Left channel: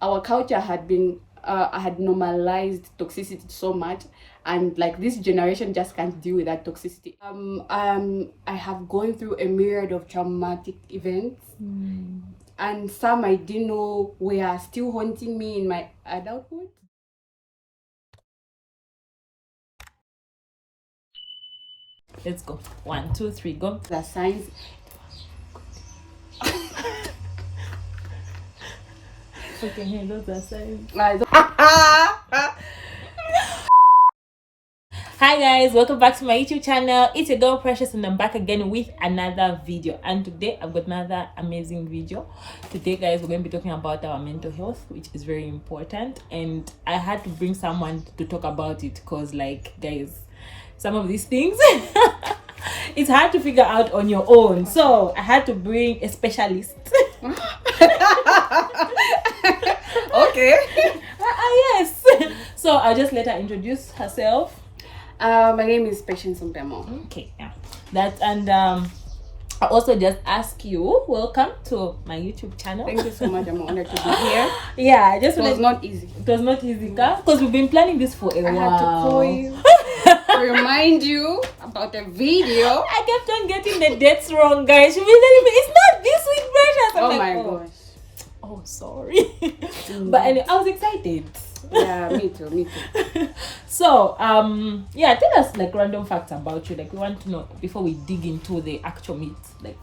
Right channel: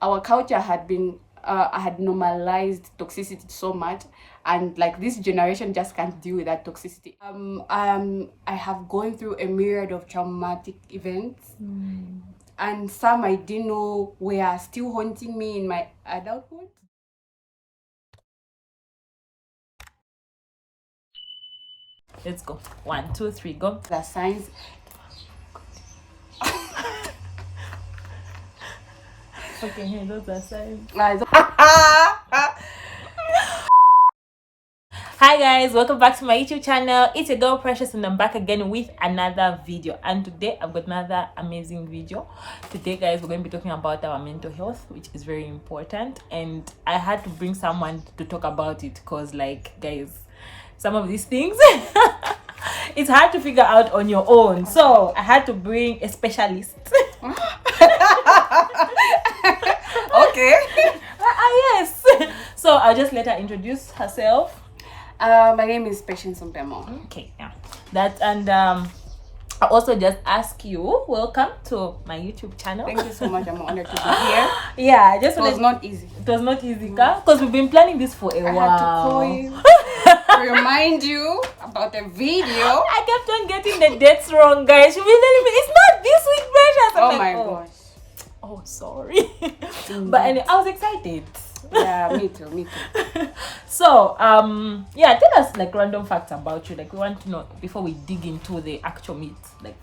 our culture had been had normalized toxicity so much, and like this generation just can't deal with that toxicity. I have gone through a myriad of traumatic events, and some I didn't know were still haunting me in my adulthood. Let's go. 1, 2, 3, go. The signs. Okay, hey, those are signs. Hi guys, welcome back to my YouTube channel. It's your girl Precious and I'm back again with another video, and today I've got another amazing video. Today guys, we're going to be talking about our mental health, which is very important, and I had to bring someone to talk about it because like guys, some of these things it's hard to figure out on your own, so I had to bring a specialist. Okay. Yes. So I'll just let her introduce herself. My name is Patience Mupemo. Okay, yeah. That, and I also just ask you, welcome to my YouTube channel. Thank you so much. I'm honored to be here. Yeah, I just It was not easy. It was not easy, because we've been planning this for a while. I had to call you to remind you about the video. I kept on getting the dates wrong, guys. She was telling me it's not this week, Precious. Oh my gosh. Oh, sorry. But anyway, I was excited. Yeah, me too. So yeah, tell us like random facts about you. Like we want to know before we dig into the actual meat. Like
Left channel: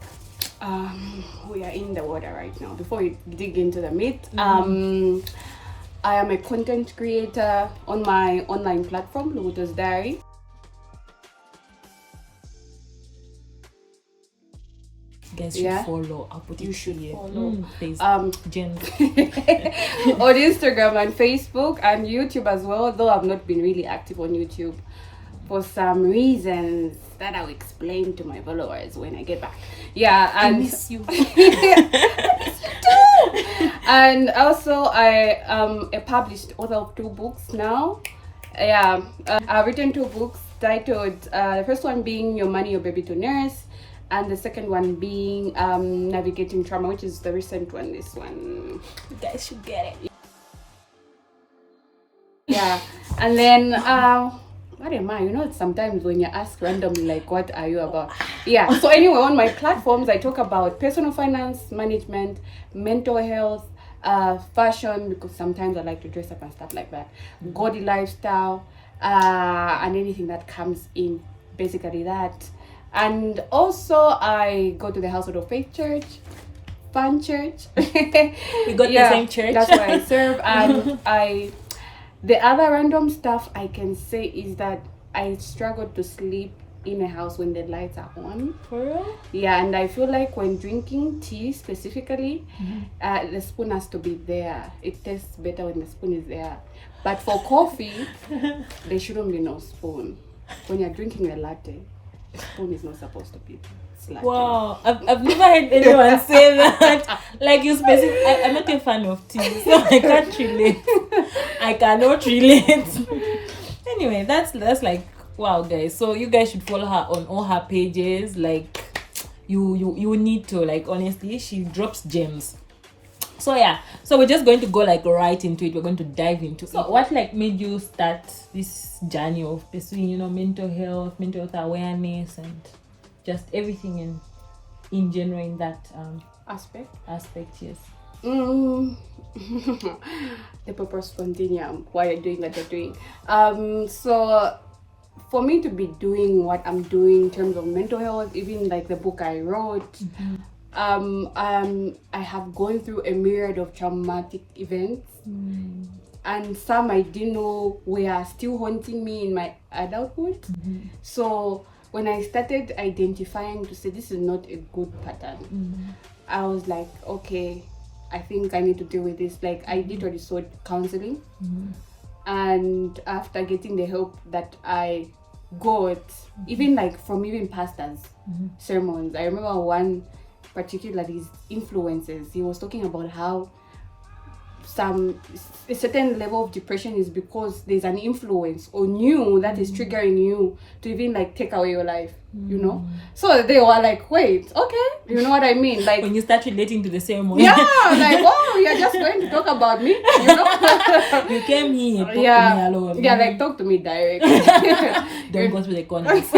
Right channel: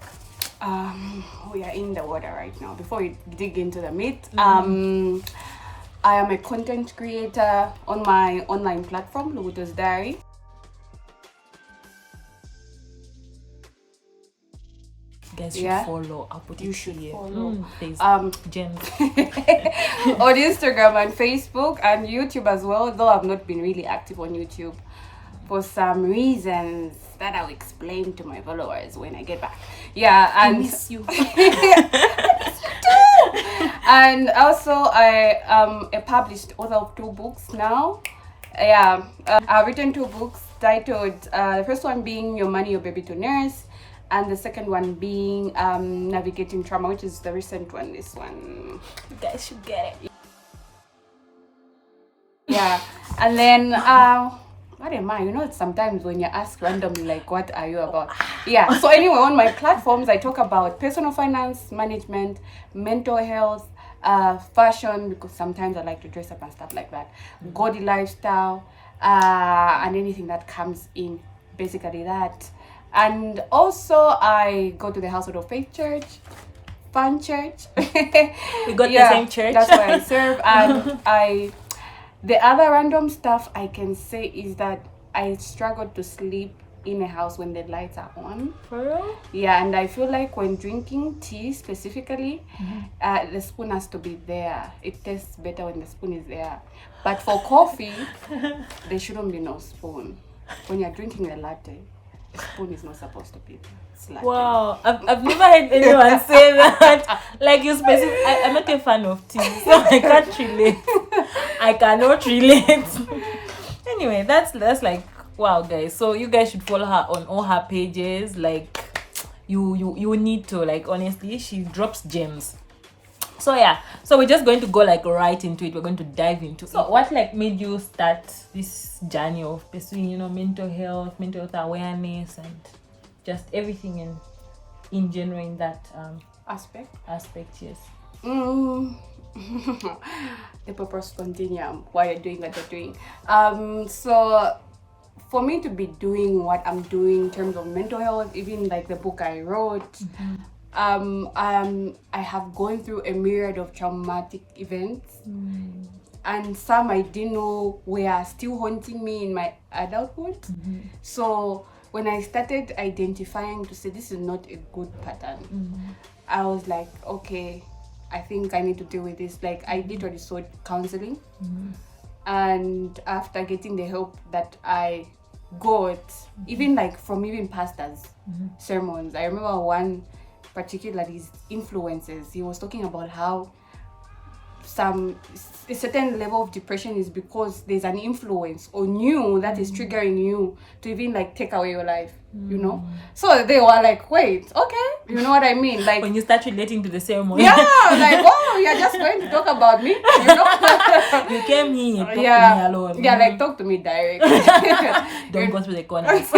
we are in the water right now. Before we dig into the meat, I am a content creator on my online platform, Luguto's Diary. guys should follow. I'll put you it should here. follow. Gems. On Instagram and Facebook and YouTube as well, though I've not been really active on YouTube for some reasons that I'll explain to my followers when I get back. Yeah, and I miss you. I miss you too. And also I am a published author of 2 books now. Yeah, I've written 2 books titled, the first one being Your Money, Your Baby to Nurse, and the second one being Navigating Trauma, which is the recent one. This one, You guys should get it. yeah. And then what am I? You know, sometimes when you're asked randomly like what are you about, yeah. So anyway, on my platforms I talk about personal finance management, mental health, fashion, because sometimes I like to dress up and stuff like that, gaudy lifestyle, and anything that comes in, basically that. And also I go to the Household of Faith Church, fun church. We got the same church. That's where I serve. And the other random stuff I can say is that I struggle to sleep in a house when the lights are on. For real? Yeah, and I feel like when drinking tea specifically, the spoon has to be there. It tastes better when the spoon is there. But for coffee, there shouldn't be no spoon. When you're drinking a latte, the spoon is not supposed to be there. Wow, I've never heard anyone say that. Like you specific. I'm not a fan of tea, so I can't relate. I cannot relate. Anyway, that's like wow, guys. So you guys should follow her on all her pages. Like you need to, like, honestly, she drops gems. So yeah, so we're just going to go like right into it. We're going to dive into. So what like made you start this journey of pursuing, mental health awareness, and just everything in general in that Aspect. yes. The purpose continuum, why you're doing what you're doing. So for me to be doing what I'm doing in terms of mental health, even like the book I wrote, I have gone through a myriad of traumatic events, and some I didn't know were still haunting me in my adulthood. So when I started identifying to say this is not a good pattern, I was like, okay, I think I need to deal with this. Like I literally sought counseling, and after getting the help that I got, even like from even pastors' sermons, I remember one particularly influences. He was talking about how a certain level of depression is because there's an influence on you that is triggering you to even like take away your life, you know. So they were like, wait, okay, you know what I mean? Like when you start relating to the same one. Yeah, like, oh, you're just going to talk about me, you know. You came here, talk to me alone. Yeah, like talk to me direct. Don't go through the corners.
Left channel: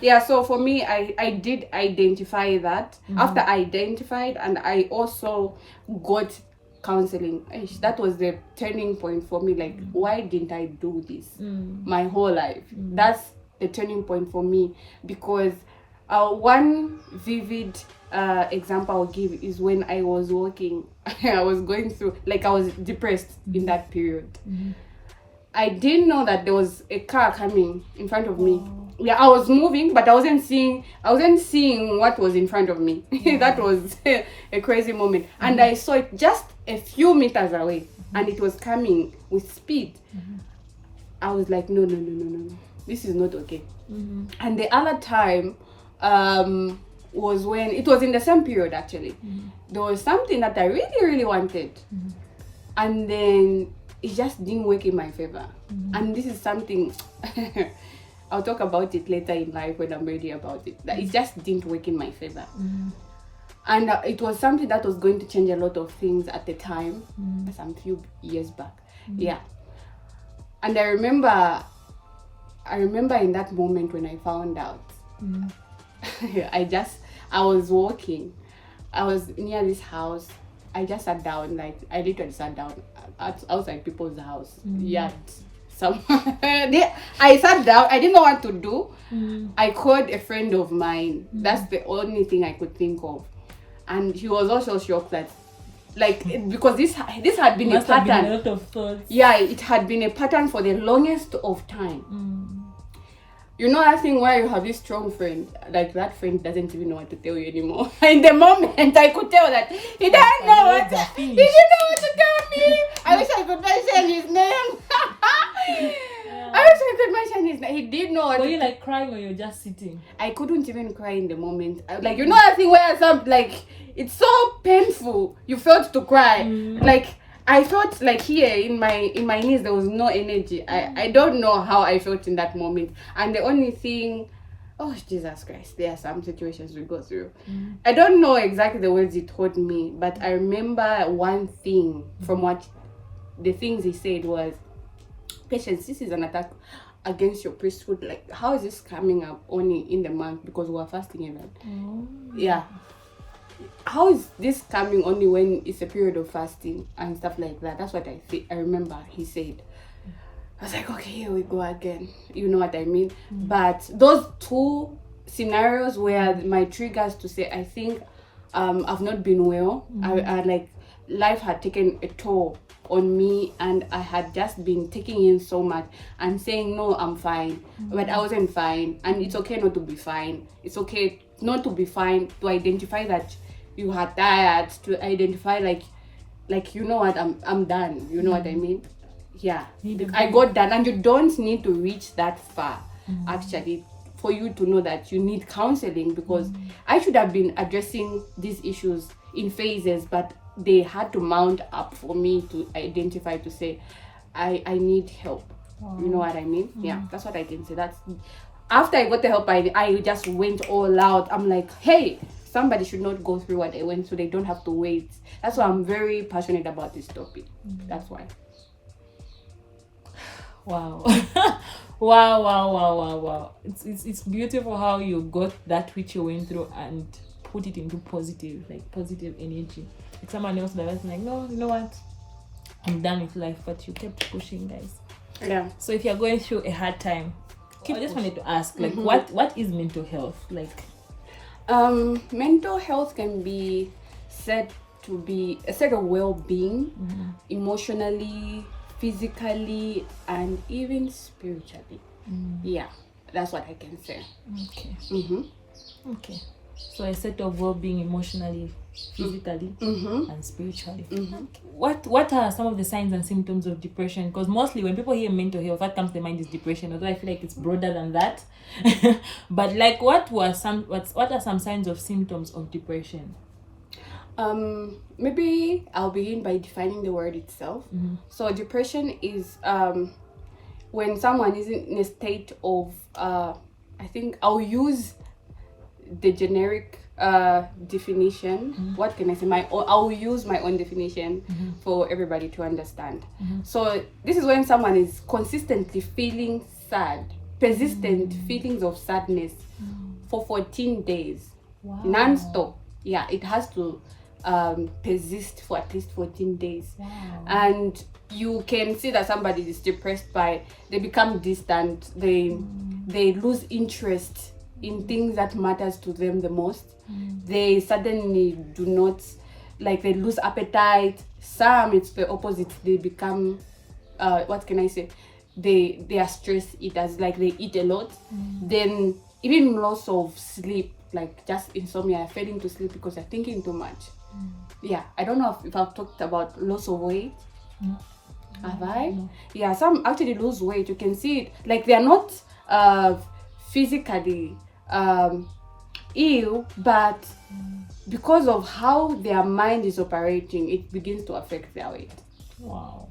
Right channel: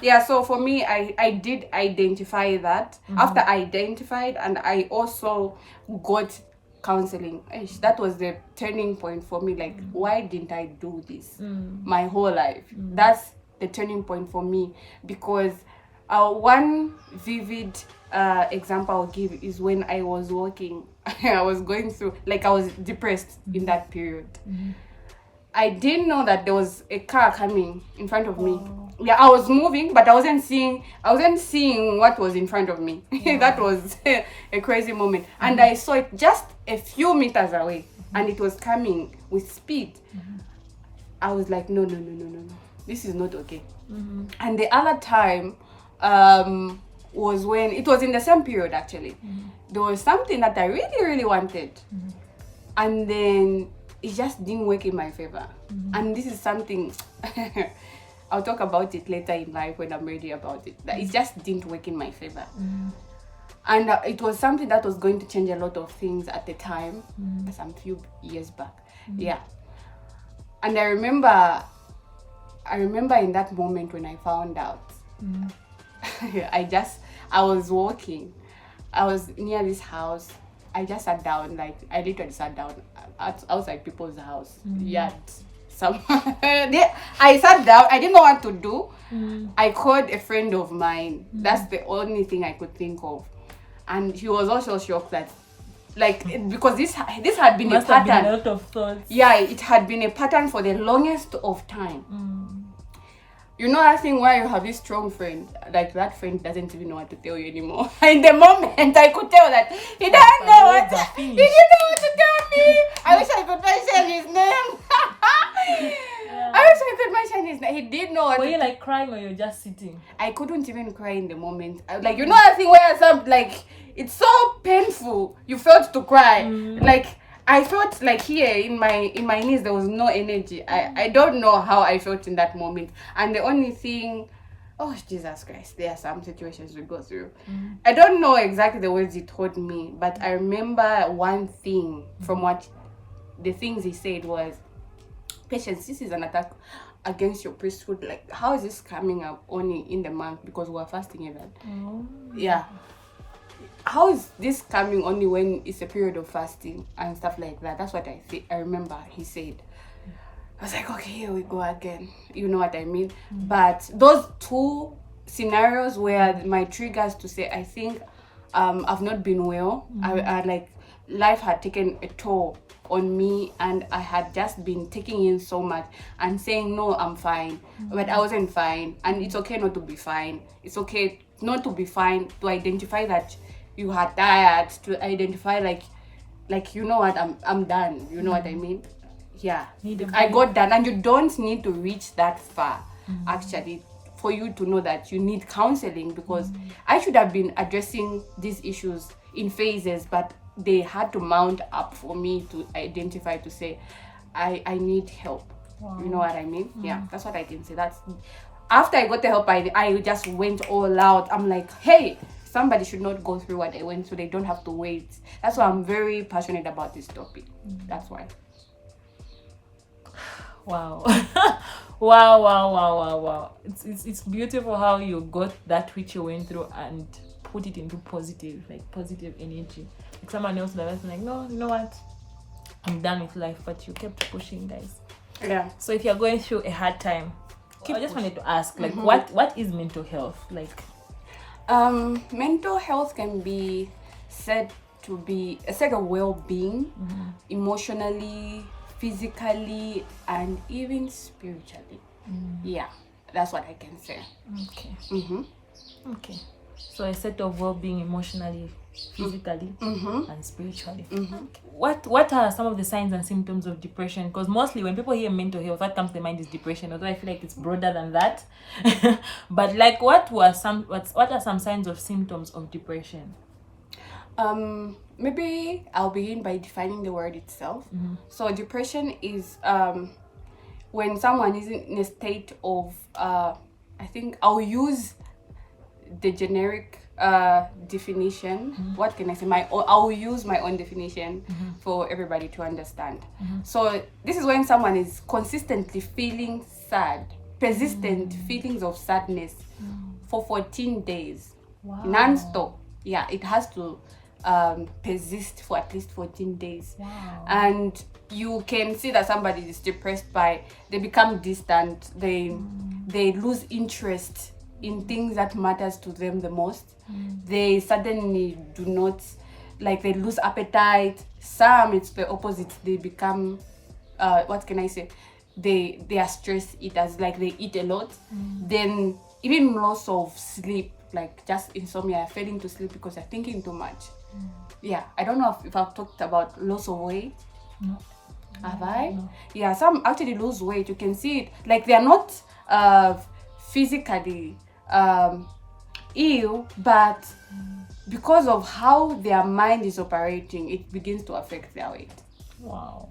Yeah, so for me, I did identify that. After I identified, and I also got counseling. That was the turning point for me. Like, why didn't I do this my whole life? That's the turning point for me, because one vivid example I'll give is when I was walking. I was going through, like, I was depressed in that period. I didn't know that there was a car coming in front of me. Yeah, I was moving, but I wasn't seeing what was in front of me. That was a crazy moment. And I saw it just a few meters away, and it was coming with speed. I was like, no, this is not okay. And the other time was when it was in the same period, actually. There was something that I really, really wanted, and then it just didn't work in my favor. And this is something I'll talk about it later in life when I'm ready about it. That it just didn't work in my favor. And it was something that was going to change a lot of things at the time, some few years back. Yeah. And I remember in that moment when I found out, I was walking. I was near this house. I just sat down, like, I literally sat down outside people's house. Yard. I sat down. I didn't know what to do. I called a friend of mine. That's the only thing I could think of. And he was also shocked that, like, because this had been a pattern. Been a lot of thoughts. Yeah, it had been a pattern for the longest of time. You know that thing where you have this strong friend, like that friend doesn't even know what to tell you anymore. In the moment, I could tell that he didn't know what to tell me. I wish I could mention his name. I wish I could mention his name. He did know what Were you like crying or you're just sitting? I couldn't even cry in the moment. Like, you know that thing where like, it's so painful. You felt to cry. Like, I felt like here in my knees there was no energy. I don't know how I felt in that moment. And the only thing, oh Jesus Christ, there are some situations we go through. I don't know exactly the words he told me, but I remember one thing from what the things he said was, Patience, this is an attack against your priesthood. Like, how is this coming up only in the month because we're fasting even? Yeah. How is this coming only when it's a period of fasting and stuff like that? That's what I remember he said. I was like, okay, here we go again. You know what I mean? But those two scenarios were my triggers to say, I think I've not been well. I like, life had taken a toll on me, and I had just been taking in so much and saying, no, I'm fine. But I wasn't fine. And it's okay not to be fine. It's okay not to be fine, to identify that you are tired, to identify like you know what, I'm done. You know what I mean? Yeah. I got done. And you don't need to reach that far, actually, for you to know that you need counseling, because I should have been addressing these issues in phases, but they had to mount up for me to identify, to say, I need help. You know what I mean? Yeah, that's what I can say. That's after I got the help, I just went all out. I'm like, hey, somebody should not go through what I went through. They don't have to wait. That's why I'm very passionate about this topic. That's why. Wow. Wow. It's beautiful how you got that which you went through and put it into positive energy. Like someone else that was like, no, you know what? I'm done with life, but you kept pushing, guys. Yeah. So if you're going through a hard time, I just wanted to ask, like, what is mental health? Like, mental health can be said to be a set of well-being, emotionally, physically, and even spiritually. Yeah, that's what I can say. Okay. Okay. So a set of well-being emotionally, physically, and spiritually. What are some of the signs and symptoms of depression? Because mostly when people hear mental health, what comes to mind is depression, although I feel like it's broader than that. But like, what are some signs of symptoms of depression? Maybe I'll begin by defining the word itself. So depression is when someone is in a state of I think I'll use the generic definition. What can I say? I'll use my own definition for everybody to understand. So this is when someone is consistently feeling sad, persistent feelings of sadness for 14 days. Wow. Non-stop. Yeah, it has to persist for at least 14 days. Wow. And you can see that somebody is depressed by they become distant, they lose interest in things that matters to them the most. They suddenly do not, like, they lose appetite. Some, it's the opposite. They become what can I say, they are stress eaters, like they eat a lot. Then even loss of sleep, like just insomnia, failing to sleep because they're thinking too much. Yeah, I don't know if I've talked about loss of weight. No. Have I? No. Yeah, some actually lose weight. You can see it. Like they're not physically ill, but because of how their mind is operating, it begins to affect their weight. Wow.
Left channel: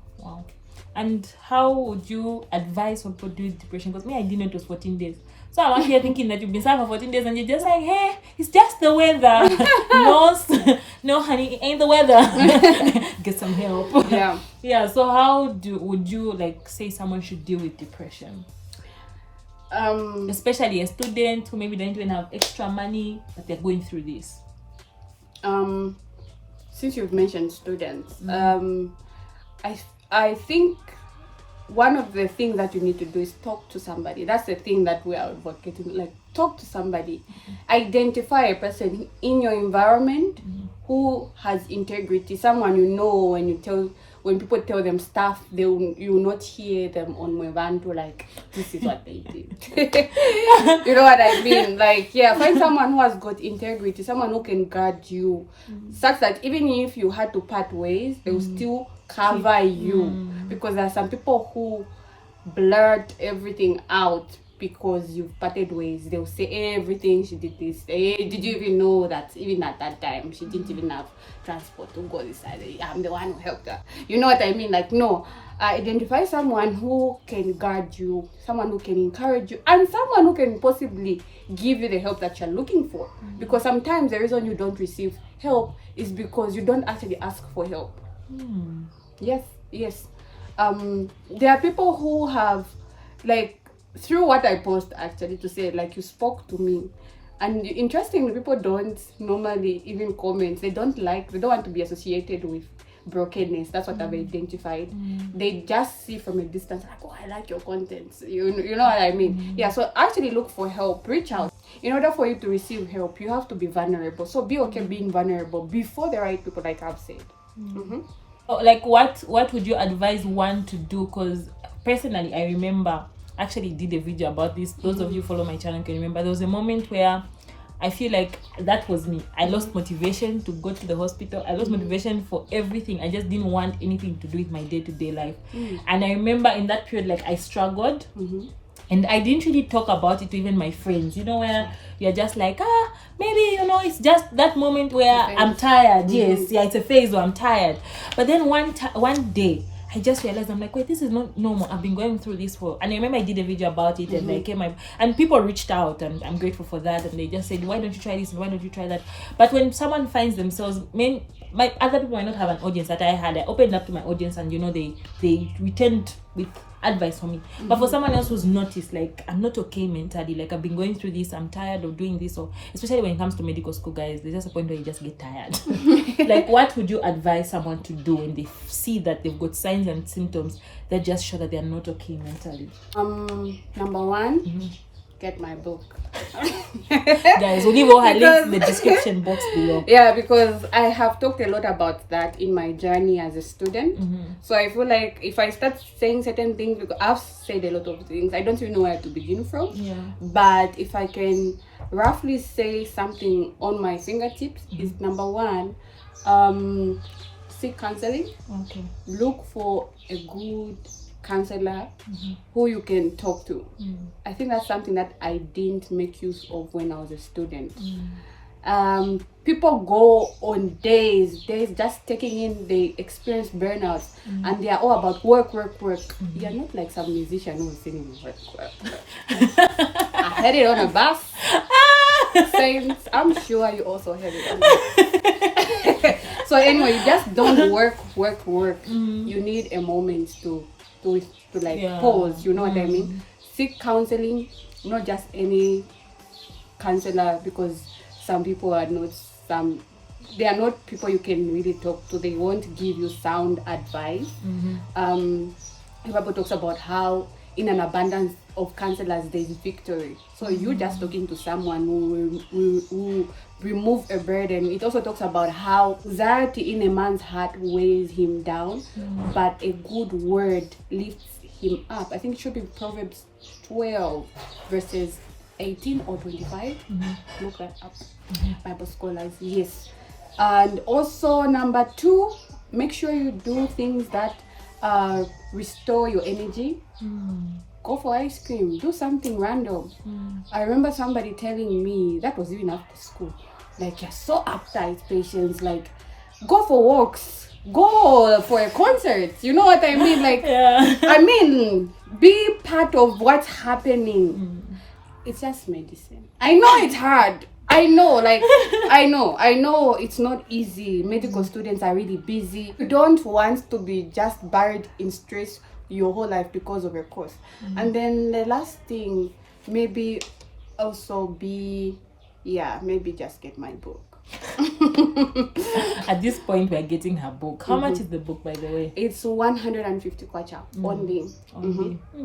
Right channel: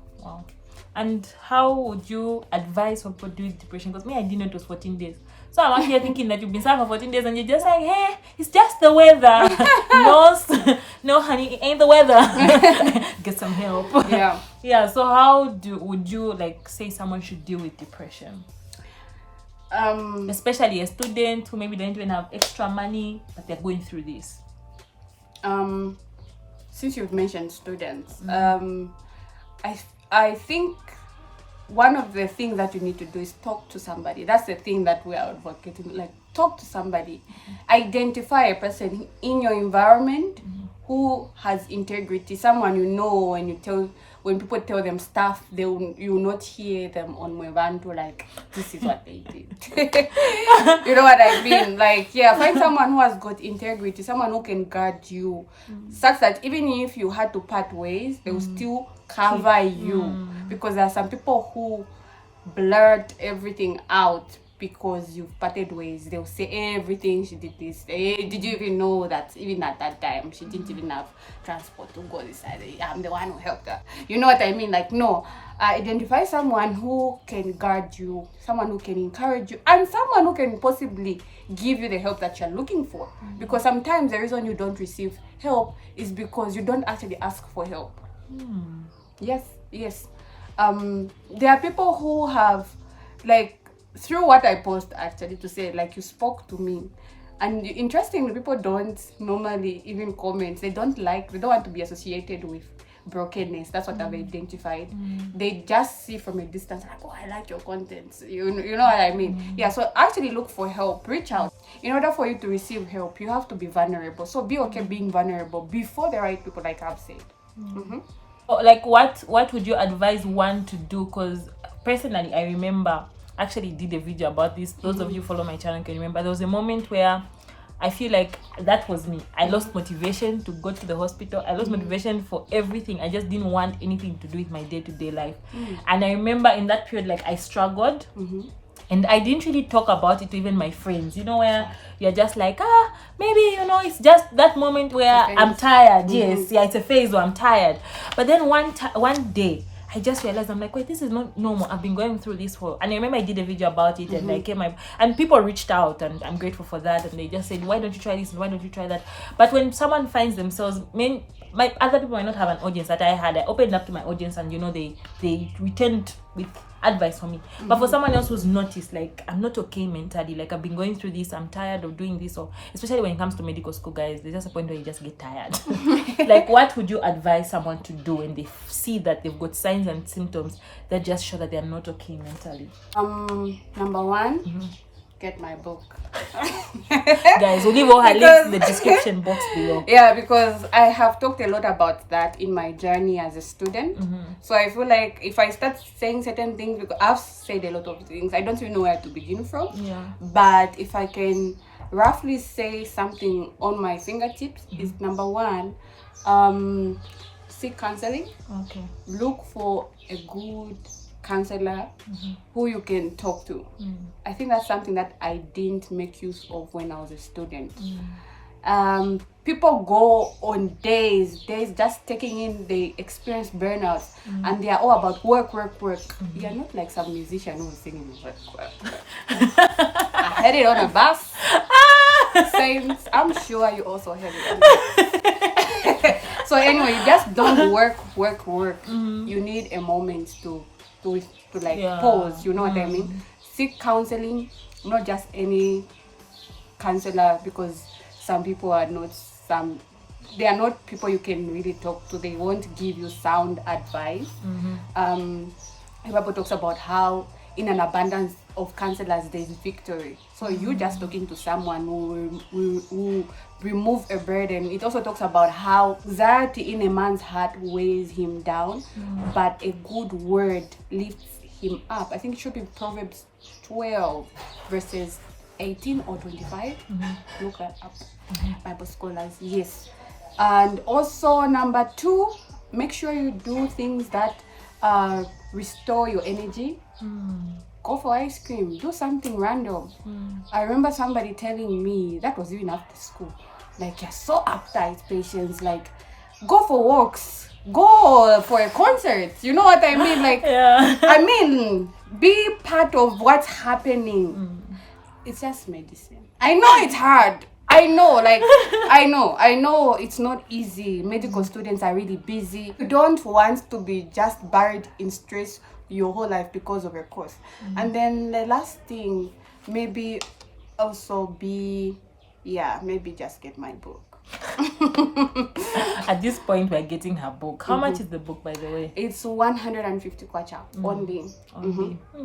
And how would you advise for people doing depression? Because me, I didn't know it was 14 days. So I'm actually thinking that you've been sad for 14 days and you're just like, hey, it's just the weather. No, honey, it ain't the weather. Get some help. Yeah. Yeah, so how would you like say someone should deal with depression? Especially a student who maybe don't even have extra money, but they're going through this. Since you've mentioned students, I think one of the things that you need to do is talk to somebody. That's the thing that we are advocating. Like, talk to somebody. Identify a person in your environment who has integrity. Someone you know when people tell them stuff, you will not hear them on Mwevanto like, this is what they did. You know what I mean? Like, yeah, find someone who has got integrity, someone who can guard you, such that even if you had to part ways, they will still cover you. Because there are some people who blurt everything out because you've parted ways. They'll say everything, she did this. Did you even know that even at that time she didn't even have transport to go this side? I'm the one who helped her. You know what I mean? Like, no. Identify someone who can guard you, someone who can encourage you, and someone who can possibly give you the help that you're looking for. Because sometimes the reason you don't receive help is because you don't actually ask for help. Yes. There are people who have, like, through what I post actually, to say, like, you spoke to me. And interestingly, people don't normally even comment. They don't want to be associated with brokenness. That's what I've identified. They just see from a distance, like, oh, I like your content. You know what I mean? Yeah, so actually look for help. Reach out. In order for you to receive help, you have to be vulnerable. So be okay being vulnerable before the right people, like I've said. Like, what would you advise one to do? Because personally, I remember actually did a video about this. Those of you follow my channel can remember there was a moment where I feel like that was me. I lost motivation to go to the hospital. I lost motivation for everything. I just didn't want anything to do with my day-to-day life. And I remember in that period, like, I struggled. And I didn't really talk about it to even my friends, you know, where you're just like, maybe, you know, it's just that moment where I'm tired. Yes, yeah, it's a phase where I'm tired. But then one day, I just realized, I'm like, wait, this is not normal. I've been going through this for, and I remember I did a video about it, and I came up, and people reached out, and I'm grateful for that, and they just said, why don't you try this, why don't you try that? But when someone finds themselves, like, other people might not have an audience that I had. I opened up to my audience, and, you know, they returned with advice for me. But for someone else who's noticed, like, I'm not okay mentally, like, I've been going through this, I'm tired of doing this, or especially when it comes to medical school, guys, there's just a point where you just get tired. Like, what would you advise someone to do when they see that they've got signs and symptoms that just show that they're not okay mentally? Number one, get my book. Guys, we'll leave all her links in the description box below. Yeah, because I have talked a lot about that in my journey as a student. So I feel like if I start saying certain things, because I've said a lot of things, I don't even know where to begin from. But if I can roughly say something on my fingertips, is number one, seek counseling. Look for a good counselor who you can talk to. I think that's something that I didn't make use of when I was a student. People go on days just taking in, they experience burnout, and they are all about work. You're not like some musician who was singing work. I heard it on a bus. Saints, I'm sure you also heard it on a bus. So anyway, you just don't work. You need a moment to like pause, you know what I mean? Seek counseling, not just any counselor, because some people are not they are not people you can really talk to. They won't give you sound advice. The Bible talks about how in an abundance of counselors there is victory. So you just talking to someone who will remove a burden. It also talks about how anxiety in a man's heart weighs him down, but a good word lifts him up. I think it should be Proverbs 12 verses 18 or 25. Look that up. Bible scholars, yes. And also number 2, make sure you do things that restore your energy. Go for ice cream, do something random. I remember somebody telling me, that was even after school, like, you're so uptight, Patience, like, go for walks, go for a concert, you know what I mean? Like, I mean, be part of what's happening. It's just medicine. I know it's hard. I know, like, I know it's not easy. Medical students are really busy. You don't want to be just buried in stress your whole life because of a course. And then the last thing, maybe also maybe just get my book. At this point, we're getting her book. How much is the book, by the way? It's 150 kwacha only.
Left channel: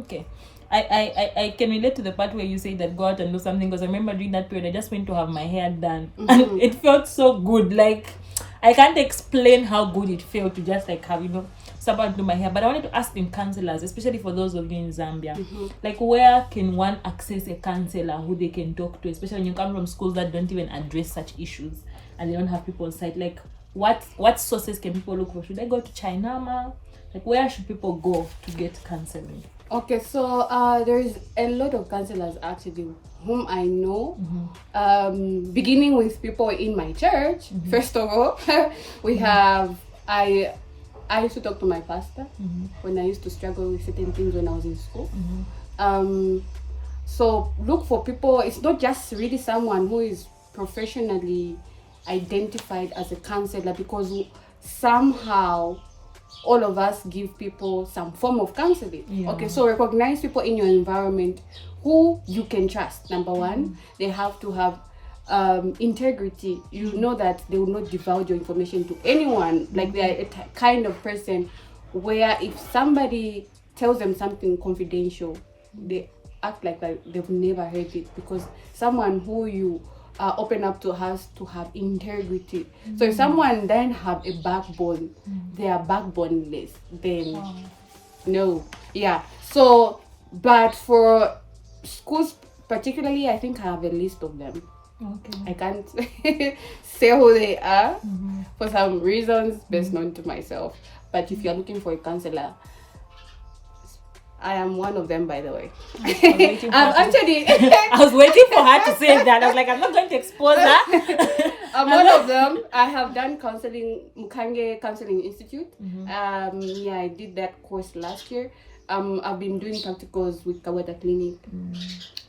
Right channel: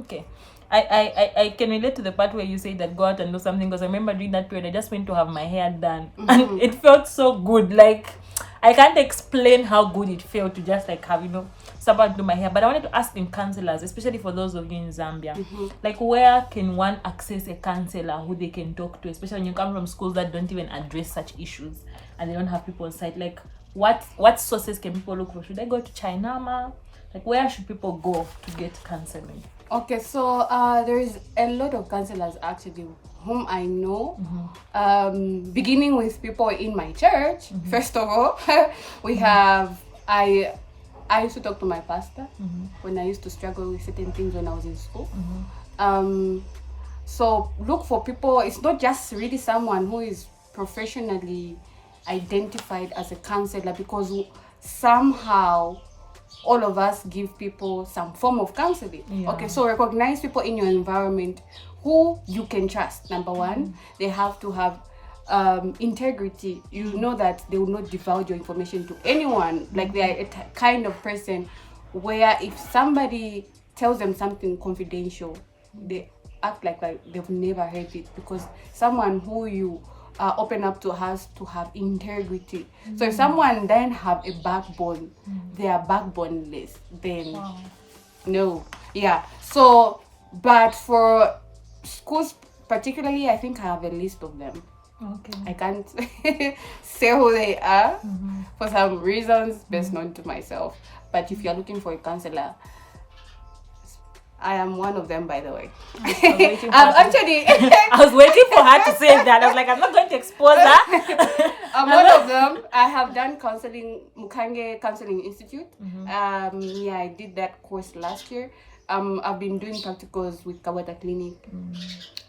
Okay. I can relate to the part where you say that go out and do something, because I remember during that period I just went to have my hair done and it felt so good. Like, I can't explain how good it felt to just like have, someone to do my hair. But I wanted to ask in counselors, especially for those of you in Zambia, like, where can one access a counselor who they can talk to, especially when you come from schools that don't even address such issues and they don't have people on site? Like, what sources can people look for? Should I go to Chinama? Like, where should people go to get counseling? Okay, so there is a lot of counselors actually whom I know, beginning with people in my church. First of all, we have, I used to talk to my pastor when I used to struggle with certain things when I was in school. So look for people. It's not just really someone who is professionally identified as a counselor, because somehow all of us give people some form of counseling. Okay, so recognize people in your environment who you can trust. Number 1, they have to have integrity. You know that they will not divulge your information to anyone. Like, they are a kind of person where if somebody tells them something confidential, they act like they've never heard it, because someone who you open up to has to have integrity. So if someone then have a backbone, they are backboneless, then no. So, but for schools particularly, I think I have a list of them. I can't say who they are for some reasons best known to myself. But if you're looking for a counselor, I am one of them, by the way. I was waiting for her to say that. I was like, I'm not going to expose her. I'm one of them. I have done counseling, Mukange Counseling Institute. I did that course last year. I've been doing practicals with Kawata Clinic.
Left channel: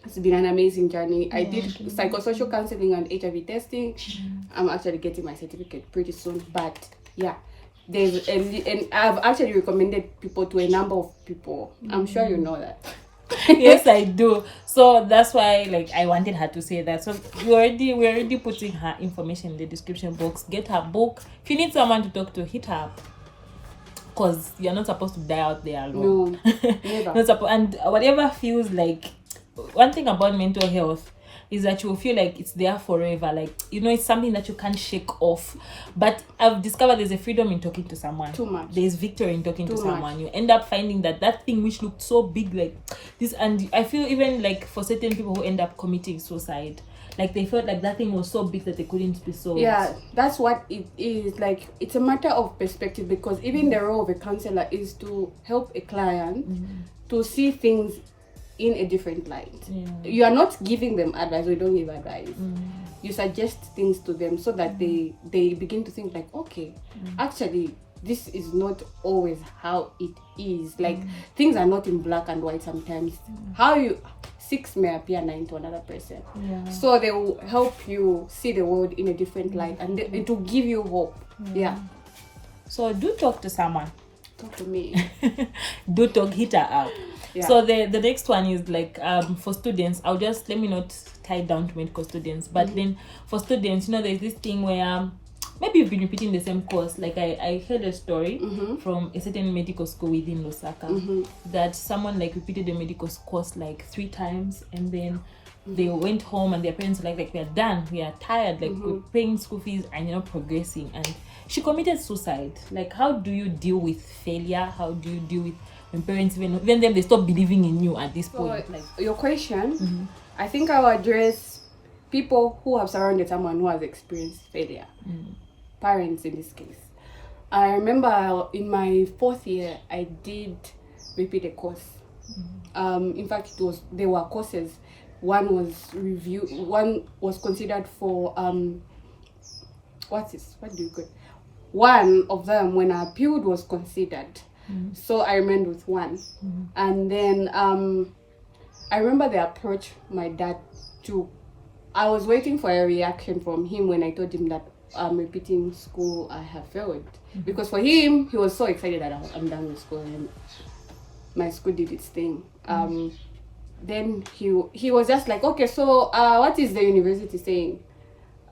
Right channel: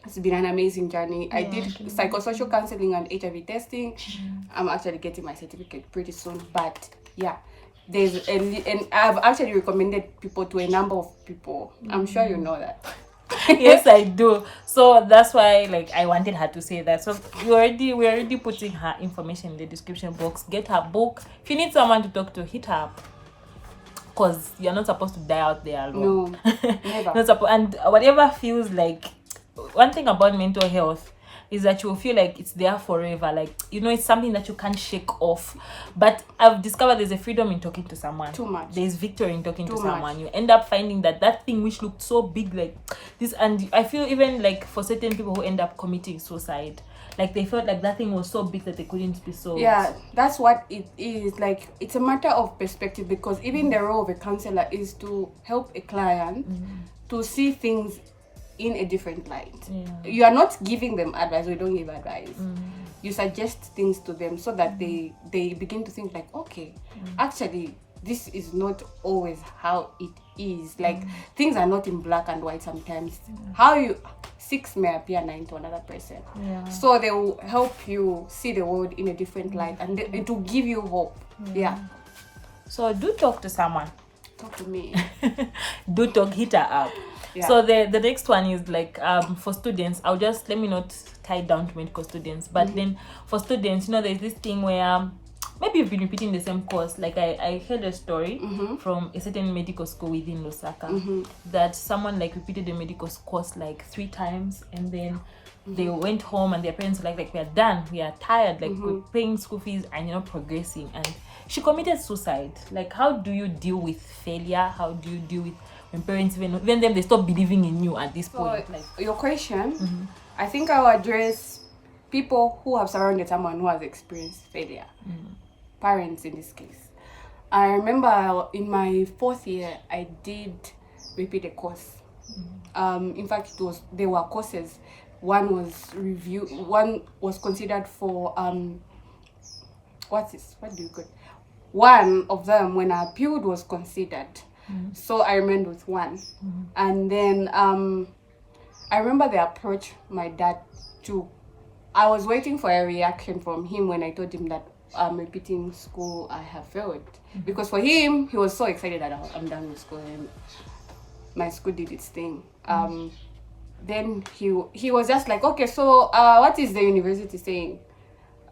It's been an amazing journey. I did psychosocial counseling and HIV testing. I'm actually getting my certificate pretty soon. But there's and I've actually recommended people to a number of people. I'm sure you know that. Yes, I do. So that's why, like, I wanted her to say that. So we're already putting her information in the description box. Get her book. If you need someone to talk to, hit her up, because you're not supposed to die out there alone. No, never. And whatever feels like, one thing about mental health is that you will feel like it's there forever. Like, it's something that you can't shake off. But I've discovered there's a freedom in talking to someone. Too much. There's victory in talking to someone. You end up finding that thing which looked so big, like this. And I feel even like for certain people who end up committing suicide, like they felt like that thing was so big that they couldn't be solved. Yeah, that's what it is. Like, it's a matter of perspective, because even the role of a counselor is to help a client to see things in a different light. Yeah. You are not giving them advice, or you don't give advice. You suggest things to them so that they begin to think like, okay, actually this is not always how it is. Like things are not in black and white sometimes. How you 6 may appear 9 to another person. Yeah. So they will help you see the world in a different light, and it will give you hope. Yeah. So do talk to someone. Talk to me. Do talk, hit her up. Yeah. So the next one is like for students. I'll just, let me not tie it down to medical students, but then for students, there's this thing where maybe you've been repeating the same course. Like I heard a story from a certain medical school within Lusaka that someone like repeated the medical course like 3 times, and then they went home and their parents were like, we're done, we are tired, like we're paying school fees and you're not progressing, and she committed suicide. Like, how do you deal with failure? How do you deal with when parents even then they stop believing in you at this point? Like your question, I think I'll address people who have surrounded someone who has experienced failure. Parents in this case. I remember in my 4th year I did repeat a course. In fact, there were courses. One was considered for one of them, when I appealed, was considered. So I remained with one. And then I remember they approached my dad too. I was waiting for a reaction from him when I told him that I'm repeating school, I have failed. Because for him, he was so excited that I'm done with school and my school did its thing. Then he was just like, okay, so what is the university saying?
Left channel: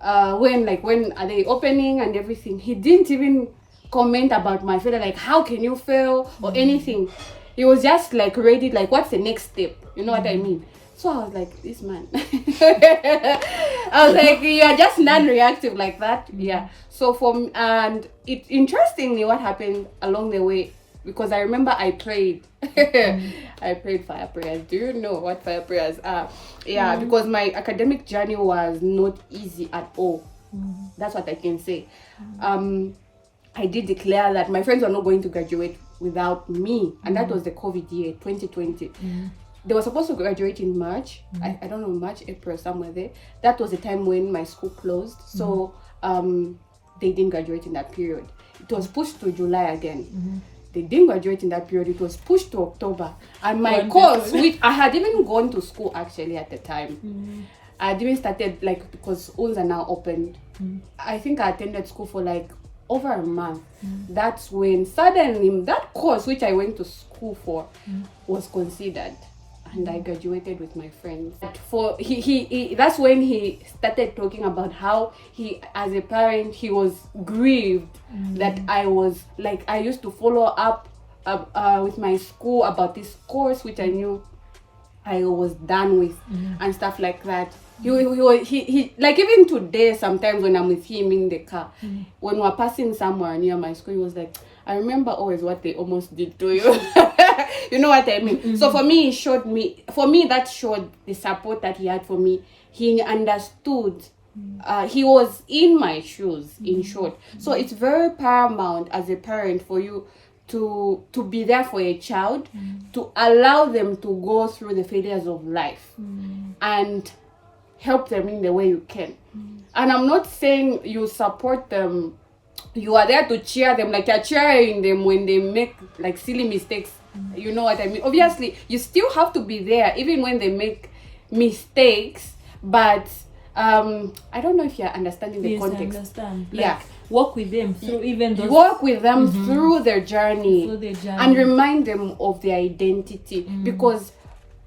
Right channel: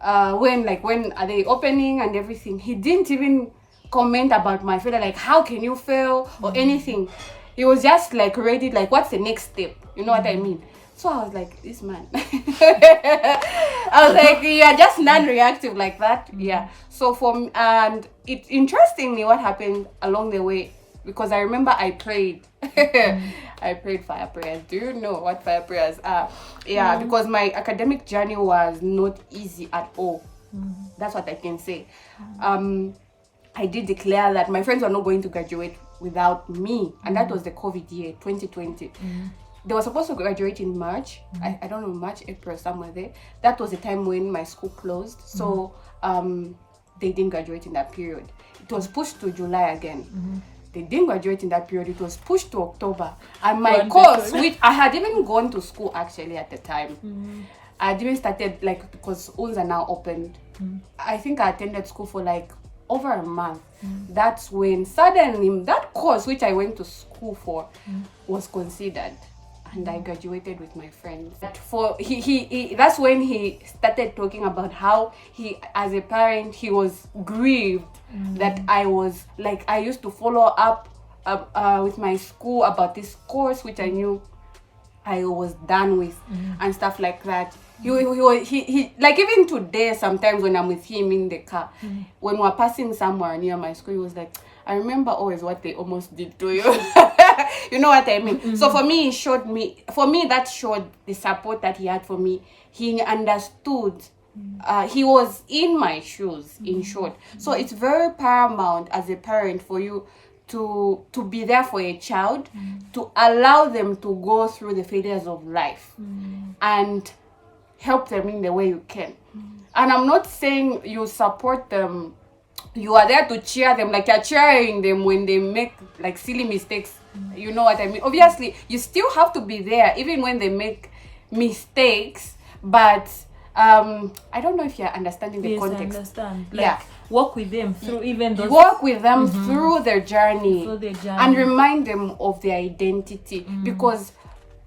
When are they opening and everything? He didn't even comment about my failure, like how can you fail or anything. He was just like ready, like what's the next step? You know what I mean? So I was like, this man. I was like, you are just non-reactive like that. Yeah. So and it interestingly what happened along the way, because I remember I prayed. I prayed fire prayers. Do you know what fire prayers are? Yeah, because my academic journey was not easy at all. That's what I can say. I did declare that my friends were not going to graduate without me, and that was the COVID year, 2020. They were supposed to graduate in March. I don't know, March, April, somewhere there. That was the time when my school closed. So they didn't graduate in that period. It was pushed to July again. They didn't graduate in that period. It was pushed to October. And my course, which I had even gone to school actually at the time. I had even started, like, because schools are now opened. I think I attended school for like over a month. That's when suddenly that course which I went to school for was considered. And I graduated with my friends. That's when he started talking about how he, as a parent, he was grieved that I was like, I used to follow up with my school about this course which I knew I was done with and stuff like that. He like even today sometimes when I'm with him in the car, when we're passing somewhere near my school, he was like, I remember always what they almost did to you. You know what I mean? So for me, that showed the support that he had for me. He understood. He was in my shoes, in short. So it's very paramount as a parent for you to be there for a child, to allow them to go through the failures of life and help them in the way you can. And I'm not saying you support them, you are there to cheer them, like you're cheering them when they make like silly mistakes. You know what I mean? Obviously, you still have to be there even when they make mistakes, but I don't know if you're understanding the context. I understand. Like, walk with them through even those... Walk with them through their journey, and remind them of their identity, because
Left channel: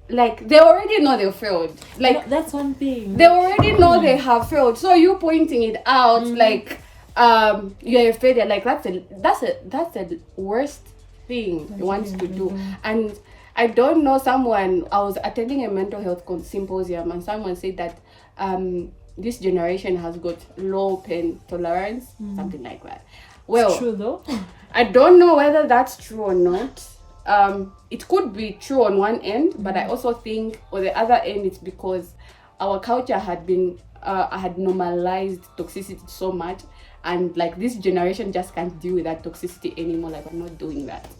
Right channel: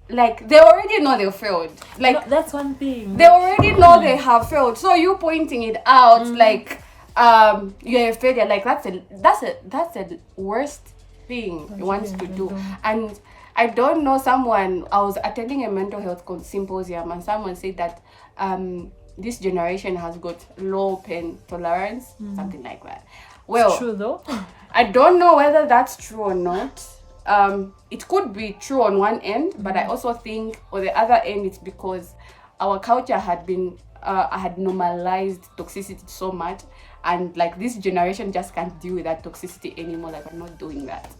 like they already know they failed. Like, no, that's one thing. They already know they have failed. So you pointing it out like you're a failure, like that's a worst thing you want to do. And I don't know, I was attending a mental health symposium, and someone said that this generation has got low pain tolerance, something like that. Well, it's true though. I don't know whether that's true or not. It could be true on one end, but I also think on the other end it's because our culture had normalized toxicity so much, and like this generation just can't deal with that toxicity anymore. Like, we're not doing that.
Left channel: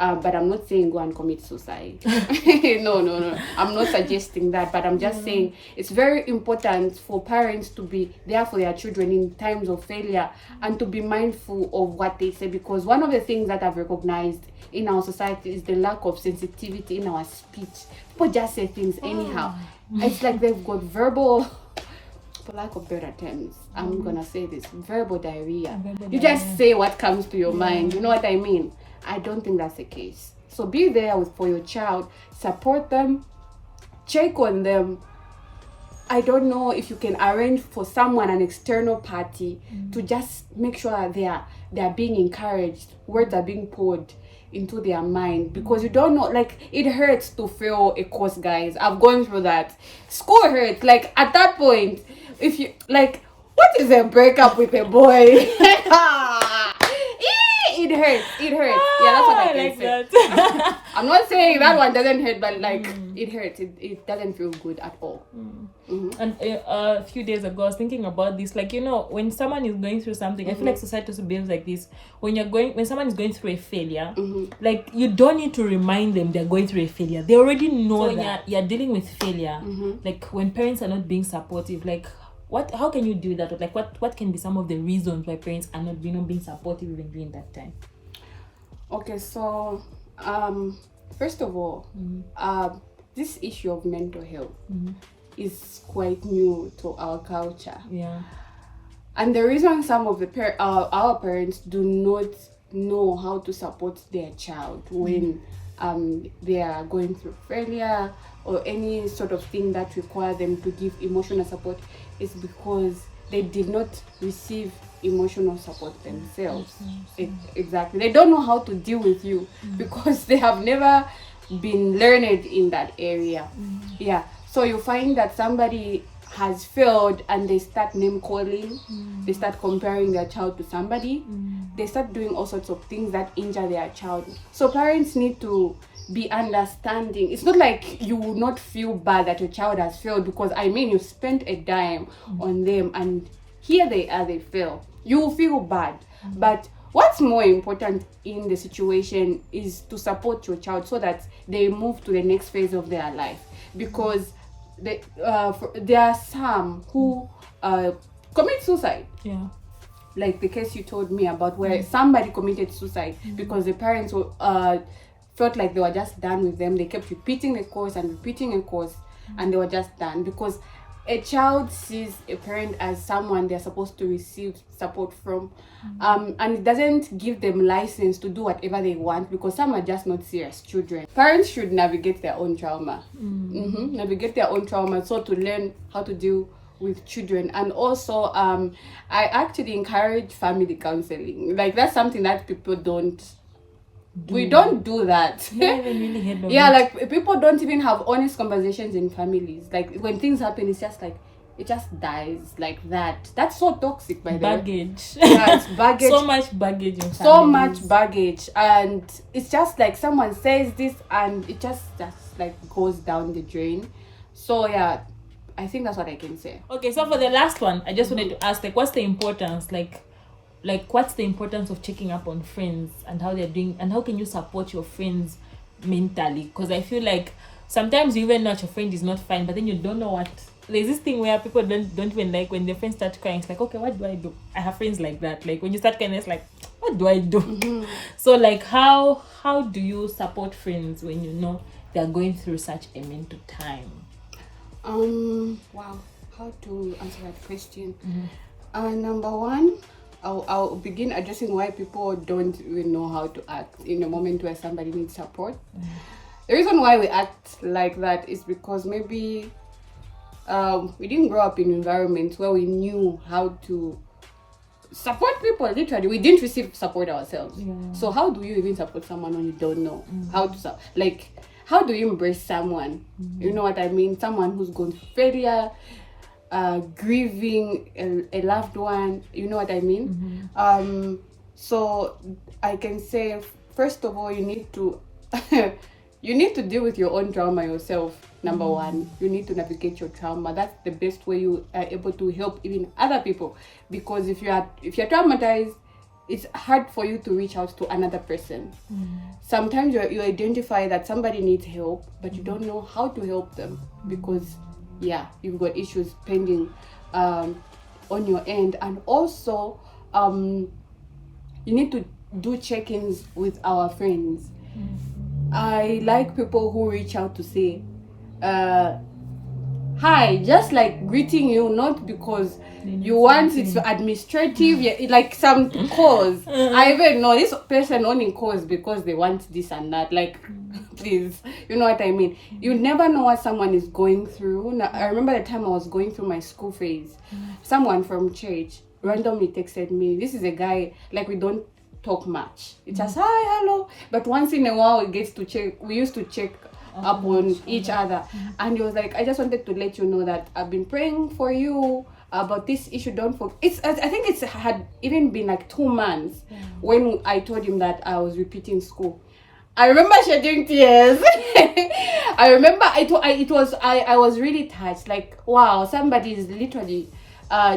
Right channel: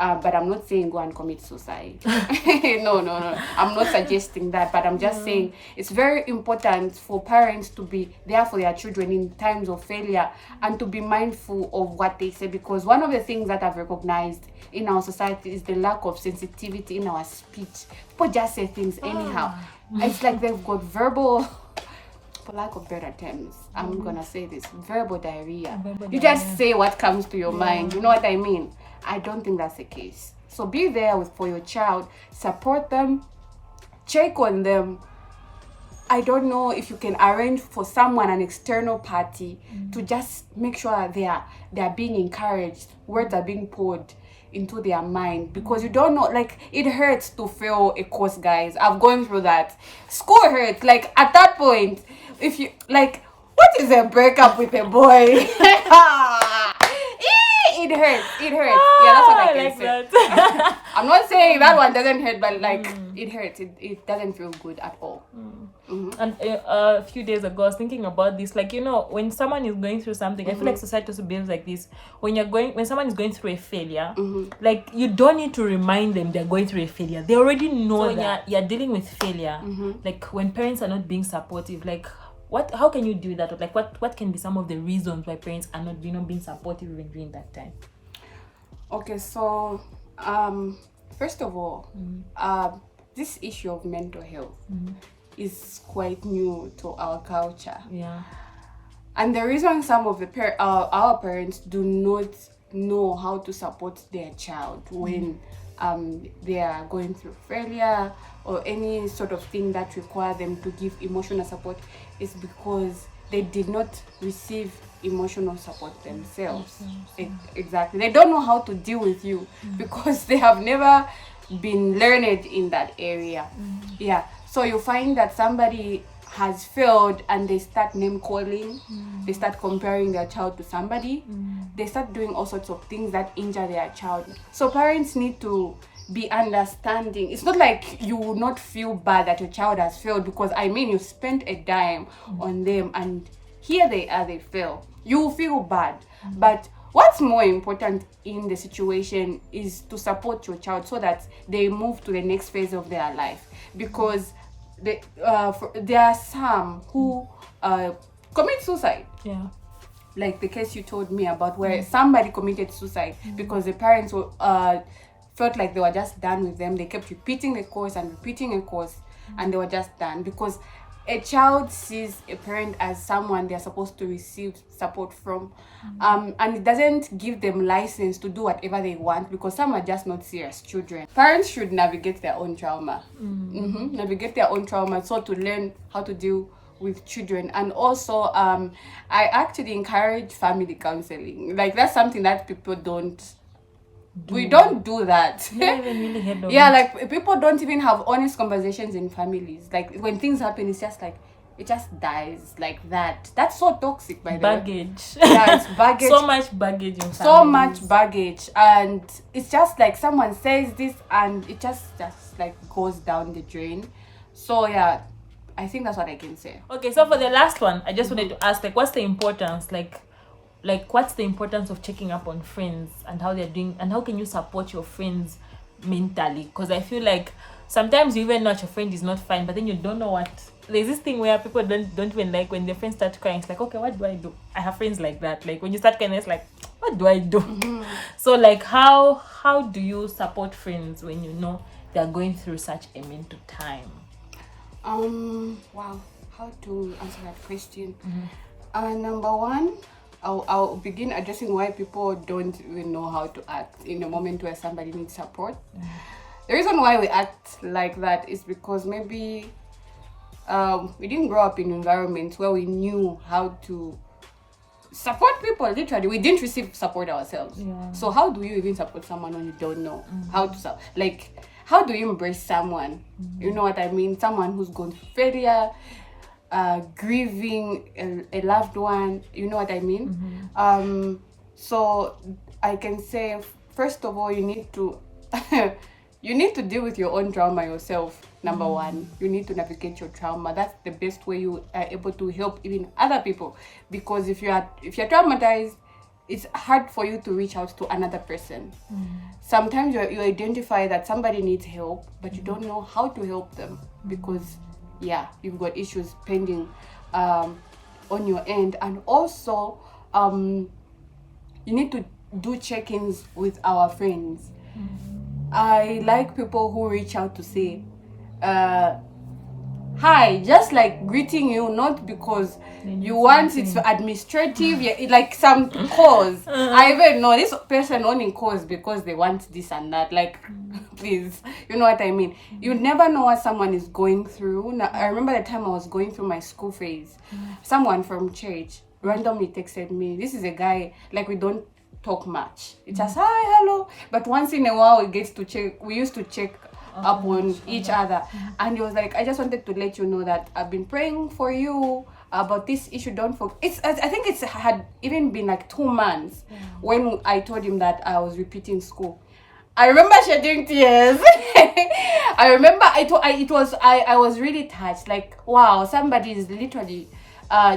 But I'm not saying go and commit suicide. No. I'm not suggesting that, but I'm just saying it's very important for parents to be there for their children in times of failure and to be mindful of what they say, because one of the things that I've recognized in our society is the lack of sensitivity in our speech. People just say things anyhow. It's like they've got verbal, for lack of better terms, I'm gonna say this, verbal diarrhea. You just say what comes to your mind. You know what I mean? I don't think that's the case. So be there for your child, support them, check on them. I don't know if you can arrange for someone, an external party, to just make sure they are being encouraged, words are being poured into their mind, because you don't know, like, it hurts to fail a course, guys. I've gone through that. School hurts. Like, at that point, if you, like, what is a breakup with a boy? It hurts. Yeah, that's what I can say. I'm not saying that one doesn't hurt, but like it hurts. It doesn't feel good at all. And a few days ago, I was thinking about this. Like, you know, when someone is going through something, I feel like society also behaves like this. When someone is going through a failure, like, you don't need to remind them they're going through a failure. They already know that you're dealing with failure. Like, when parents are not being supportive, like, how can you do that? Or like, what can be some of the reasons why parents are not being supportive even during that time? Okay, so first of all, this issue of mental health is quite new to our culture. Yeah. And the reason some of the our parents do not know how to support their child when they are going through failure or any sort of thing that require them to give emotional support is because they did not receive emotional support themselves. Exactly. They don't know how to deal with you because they have never been learned in that area. Yeah. So you find that somebody has failed and they start name calling, they start comparing their child to somebody, they start doing all sorts of things that injure their child. So parents need to be understanding. It's not like you will not feel bad that your child has failed, because I mean, you spent a dime on them and here they are, they fail. You will feel bad. But what's more important in the situation is to support your child so that they move to the next phase of their life, because there are some who commit suicide. Yeah. Like the case you told me about, where somebody committed suicide because the parents felt like they were just done with them. They kept repeating a course and they were just done, because a child sees a parent as someone they're supposed to receive support from, and it doesn't give them license to do whatever they want, because some are just not serious children. Parents should navigate their own trauma, so to learn how to deal with children. And also I actually encourage family counseling. Like, that's something that people don't we don't do that. Yeah, like, people don't even have honest conversations in families. Like, when things happen, it's just like it just dies like that. That's so toxic, by the way. Yeah, it's baggage. So much baggage in families. So much baggage, and it's just like someone says this and it just like goes down the drain. So yeah, I think that's what I can say. Okay, so for the last one, I just wanted to ask, like, what's the importance, like what's the importance of checking up on friends and how they're doing, and how can you support your friends mentally? Because I feel like sometimes you even know your friend is not fine, but then you don't know what. There's this thing where people don't even like when their friends start crying. It's like, okay, what do I do? I have friends like that. Like, when you start crying, it's like, what do I do? So like, how do you support friends when you know they're going through such a mental time? Wow, how to answer that question? Number one, I'll begin addressing why people don't even know how to act in a moment where somebody needs support. The reason why we act like that is because maybe we didn't grow up in environments where we knew how to support people. Literally, we didn't receive support ourselves. So how do you even support someone when you don't know how to how do you embrace someone? You know what I mean? Someone who's going through failure, grieving a loved one. You know what I mean? So I can say, first of all, you need to you need to deal with your own trauma yourself. Number one, you need to navigate your trauma. That's the best way you are able to help even other people, because if you're traumatized, it's hard for you to reach out to another person. Sometimes you identify that somebody needs help, but you don't know how to help them because you've got issues pending on your end. And also you need to do check-ins with our friends. I like people who reach out to say hi, just like greeting you, not because you want it's administrative, like some cause. I even know this person only cause because they want this and that. Like, please, you know what I mean? You never know what someone is going through. Now, I remember the time I was going through my school phase. Someone from church randomly texted me. This is a guy, like, we don't talk much. It's just hi, hello. But once in a while, we used to check up on each other, and he was like, I just wanted to let you know that I've been praying for you about this issue. Don't forget. I think it had even been like 2 months when I told him that I was repeating school. I remember shedding tears. I remember I was really touched. Like, wow, somebody is literally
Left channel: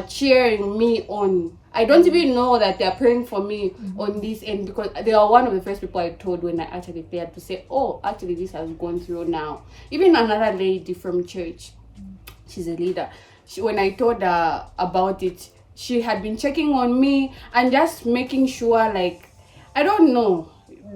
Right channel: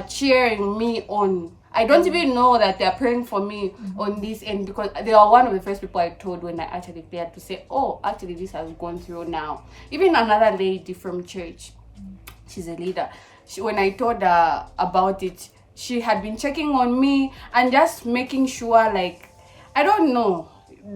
cheering me on. I don't even know that they're praying for me on this end, because they are one of the first people I told when I actually cleared, to say, oh, actually this has gone through now. Even another lady from church, she's a leader. When I told her about it, she had been checking on me and just making sure, like, I don't know,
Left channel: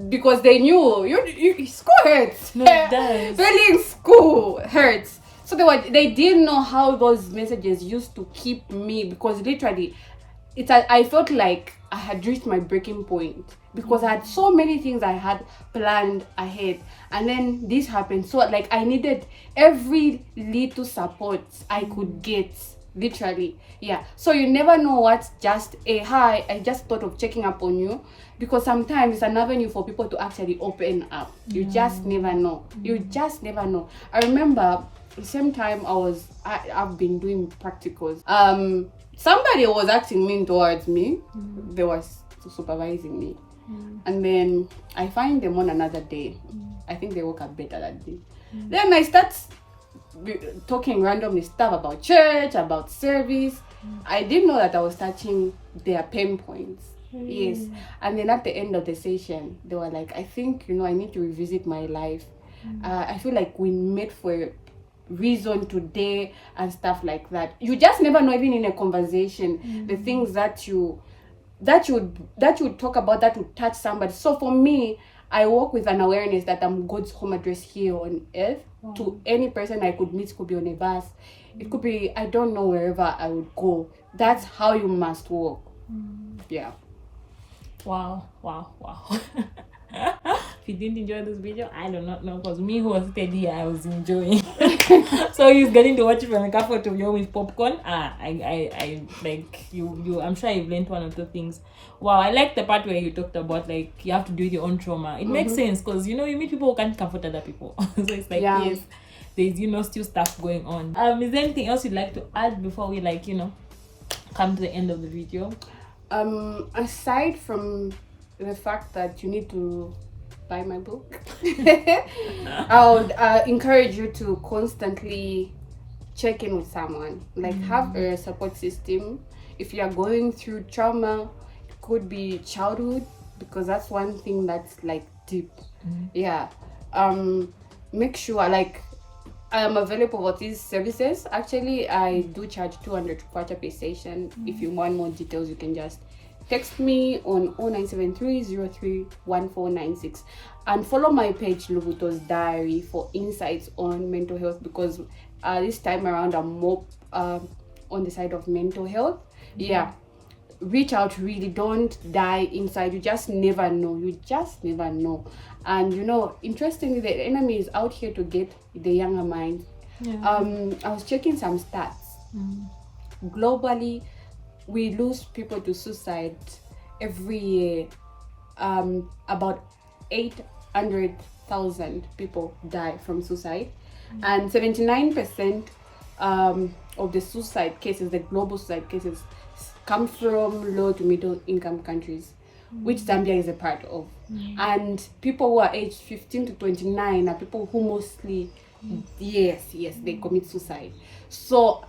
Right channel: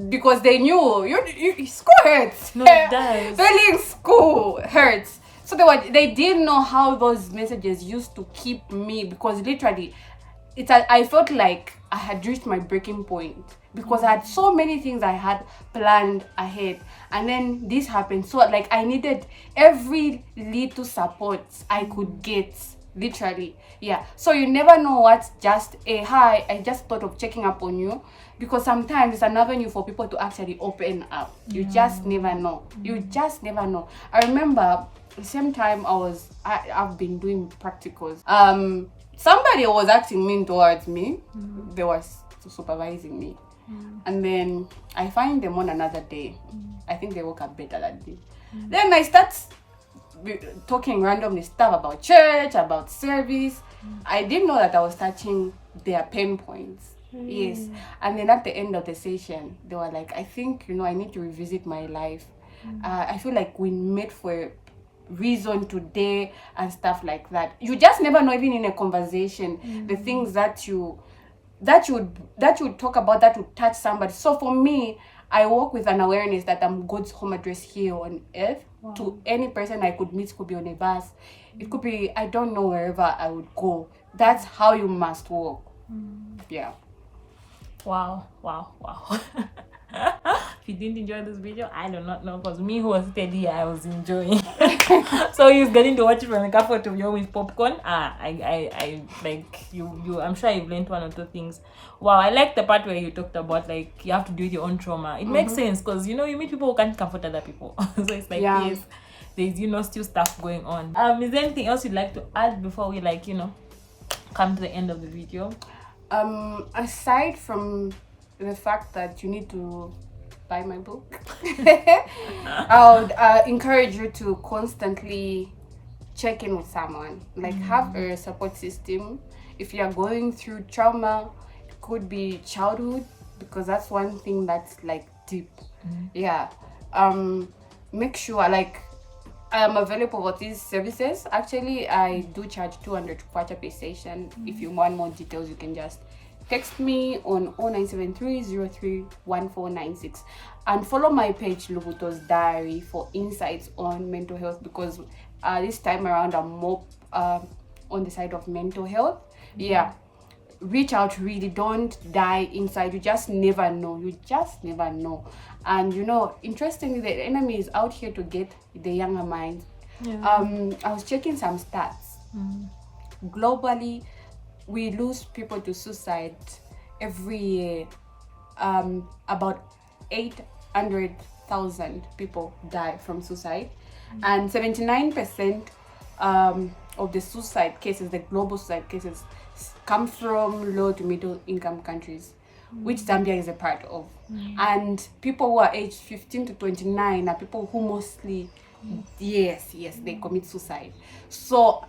because they knew you school hurts. No, it does. Failing school hurts. So they didn't know how those messages used to keep me, because literally I felt like I had reached my breaking point, because I had so many things I had planned ahead, and then this happened. So like I needed every little support I could get, literally. So you never know what's just a hi, I just thought of checking up on you, because sometimes it's an avenue for people to actually open up. You just never know. You just never know. I remember the same time I've been doing practicals. Somebody was acting mean towards me. They were supervising me. And then I find them on another day. I think they woke up better that day. Then I start talking randomly stuff about church, about service. I didn't know that I was touching their pain points. Yes. And then at the end of the session, they were like, I think, I need to revisit my life. I feel like we met for reason today and stuff like that. You just never know, even in a conversation, the things that you talk about that would touch somebody. So for me, I work with an awareness that I'm God's home address here on earth. To any person I could meet. Could be on a bus, it could be, I don't know, wherever I would go. That's how you must walk. Wow. If you didn't enjoy this video, I do not know, because me who was steady, I was enjoying. So you're getting to watch it from the comfort of your with popcorn. I like you. I'm sure you've learned one or two things. Wow, I like the part where you talked about, like, you have to do your own trauma. It makes sense, because you meet people who can't comfort other people. So it's like, yes, there's still stuff going on. Is there anything else you'd like to add before we come to the end of the video? Aside from the fact that you need to buy my book, I would encourage you to constantly check in with someone. Like, have a support system. If you are going through trauma, it could be childhood, because that's one thing that's like deep. Make sure, like, I am available for these services. Actually, I do charge 200 kwacha per session. If you want more details, you can just text me on 0973031496 and follow my page Lubuto's Diary for insights on mental health, because this time around I'm more on the side of mental health. Reach out, really. Don't die inside. You just never know. And interestingly, the enemy is out here to get the younger mind. I was checking some stats. Globally, we lose people to suicide every year. About 800,000 people die from suicide, and 79% of the suicide cases, the global suicide cases, come from low to middle income countries, which Zambia is a part of. And people who are aged 15 to 29 are people who mostly, they commit suicide. So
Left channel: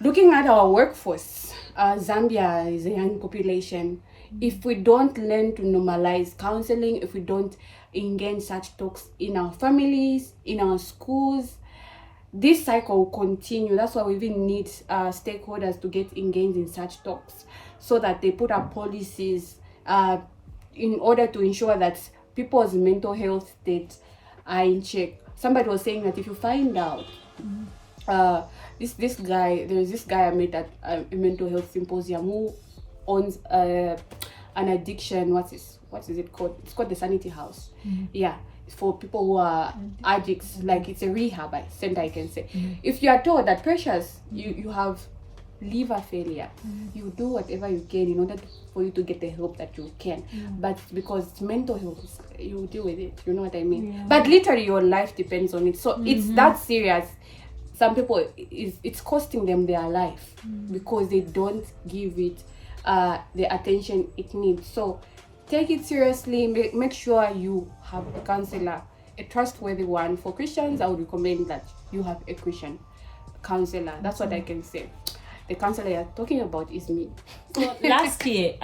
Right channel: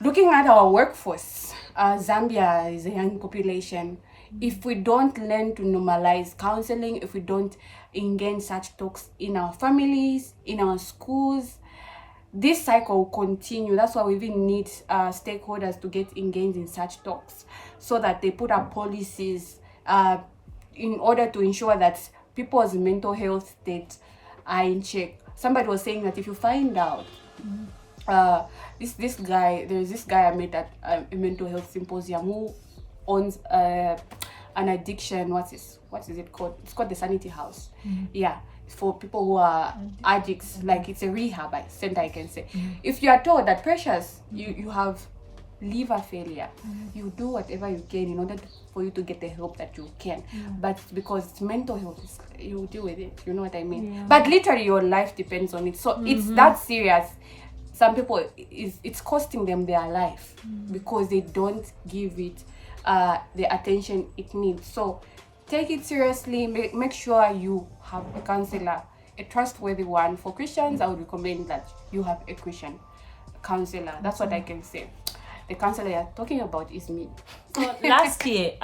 looking at our workforce, Zambia is a young population. If we don't learn to normalize counseling, if we don't engage such talks in our families, in our schools, this cycle will continue. That's why we even need stakeholders to get engaged in such talks, so that they put up policies in order to ensure that people's mental health state are in check. Somebody was saying that if you find out this guy, there's this guy I met at a mental health symposium who owns an addiction. What is it called? It's called the Sanity House. Yeah, for people who are addicts. Like, it's a rehab center, I can say. If you are told that, Precious, you have liver failure, you do whatever you can in order for you to get the help that you can, but because it's mental health, you deal with it, you know what I mean? But literally your life depends on it, so it's that serious. Some people, it's costing them their life because they don't give it the attention it needs. So take it seriously. Make sure you have a counselor, a trustworthy one. For Christians, I would recommend that you have a Christian counselor. That's what I can say. The counselor you're talking about is me. So last year,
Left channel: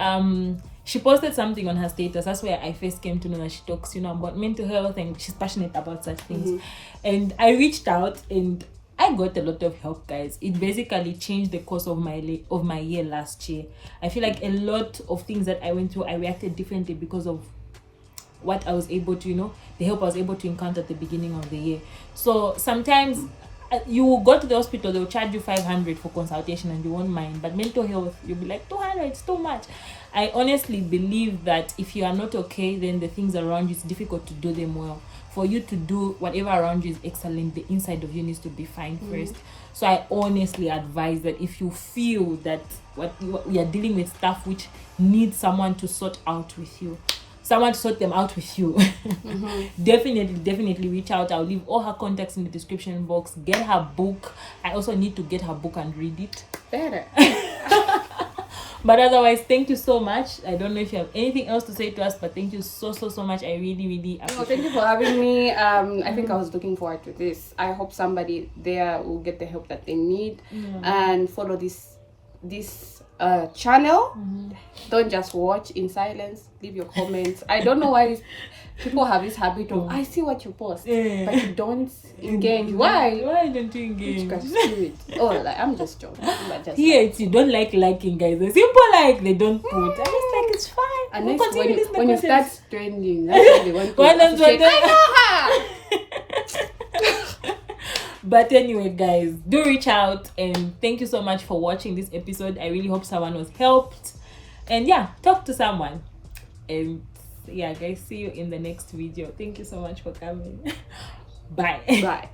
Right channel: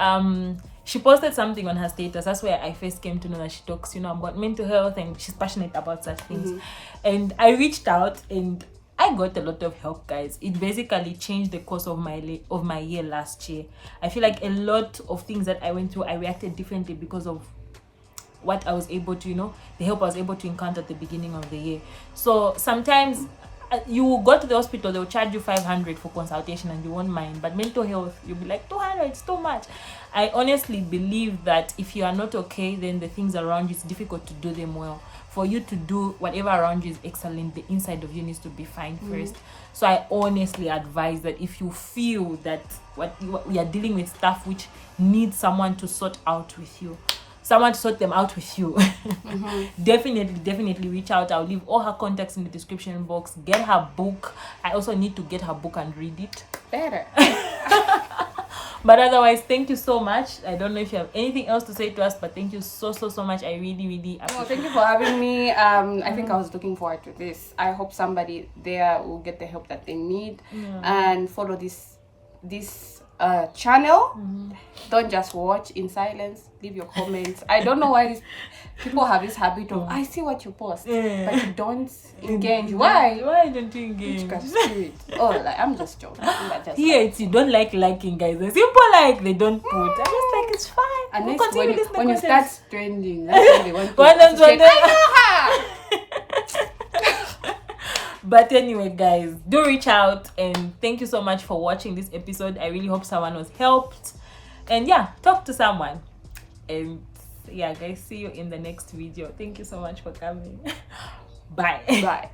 she posted something on her status. That's where I first came to know that she talks, about mental health, and she's passionate about such things. And I reached out and I got a lot of help, guys. It basically changed the course of my year last year. I feel like a lot of things that I went through, I reacted differently because of what I was able to, the help I was able to encounter at the beginning of the year. So sometimes you will go to the hospital, they'll charge you 500 for consultation and you won't mind. But mental health, you'll be like, 200, it's too much. I honestly believe that if you are not okay, then the things around you, it's difficult to do them well. For you to do whatever around you is excellent, the inside of you needs to be fine first. So I honestly advise that if you feel that what we are dealing with stuff which needs someone to sort out with you, someone to sort them out with you, definitely reach out. I'll leave all her contacts in the description box. Get her book. I also need to get her book and read it better. But otherwise, thank you so much. I don't know if you have anything else to say to us, but thank you so much. I really appreciate it. Thank you for having me. I think I was looking forward to this. I hope somebody there will get the help that they need and follow this channel. Don't just watch in silence. Leave your comments. I don't know why these people have this habit of, I see what you post, but you don't engage. Why don't you engage? Spirit. I'm just joking. You don't liking, guys. The simple they don't put. I just like, it's fine. Unless when you start trending, that's when they want to associate. I know her. But anyway, guys, do reach out, and thank you so much for watching this episode. I really hope someone was helped, and talk to someone. And guys, see you in the next video. Thank you so much for coming. Bye.